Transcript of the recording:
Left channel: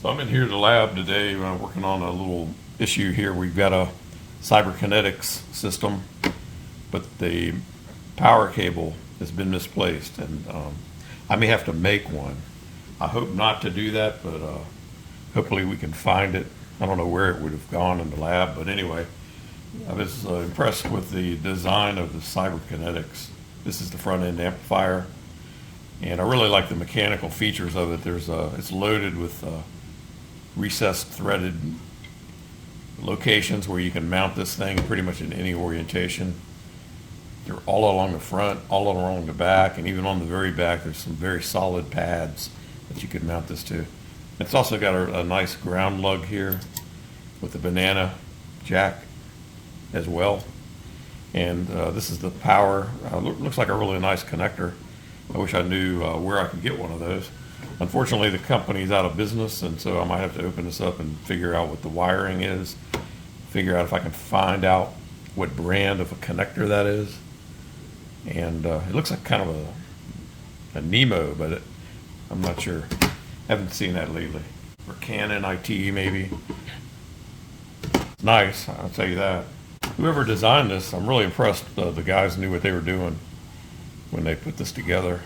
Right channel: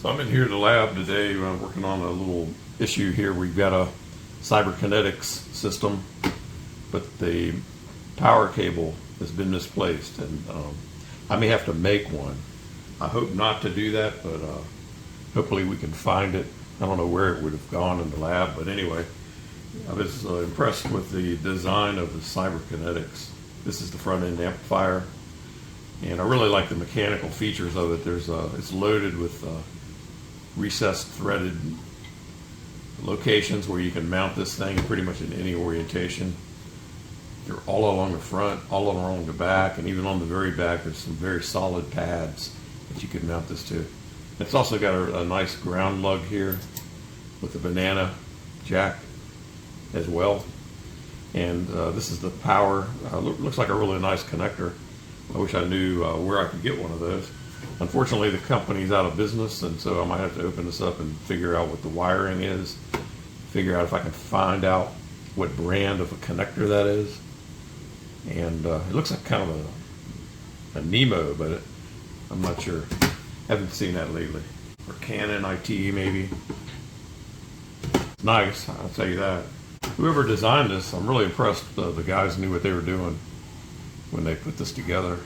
So I'm in here at the lab today working on a little issue here. We've got a Cyberkinetics system, but the power cable has been misplaced, and I may have to make one. I hope not to do that, but hopefully we can find it. I don't know where it would have gone in the lab, but anyway, I was impressed with the design of the Cyberkinetics. This is the front end amplifier, and I really like the mechanical features of it. It's loaded with recessed threaded locations where you can mount this thing pretty much in any orientation. They're all along the front, all along the back, and even on the very back there's some very solid pads that you could mount this to. It's also got a nice ground lug here with a banana jack as well. And this is the power. Looks like a really nice connector. I wish I knew where I could get one of those. Unfortunately, the company's out of business, and so I might have to open this up and figure out what the wiring is, figure out if I can find out what brand of a connector that is. And it looks like kind of a Nemo, but I'm not sure. Haven't seen that lately. Or Canon IT maybe. Nice, I'll tell you that. Whoever designed this, I'm really impressed. The guys knew what they were doing when they put this together.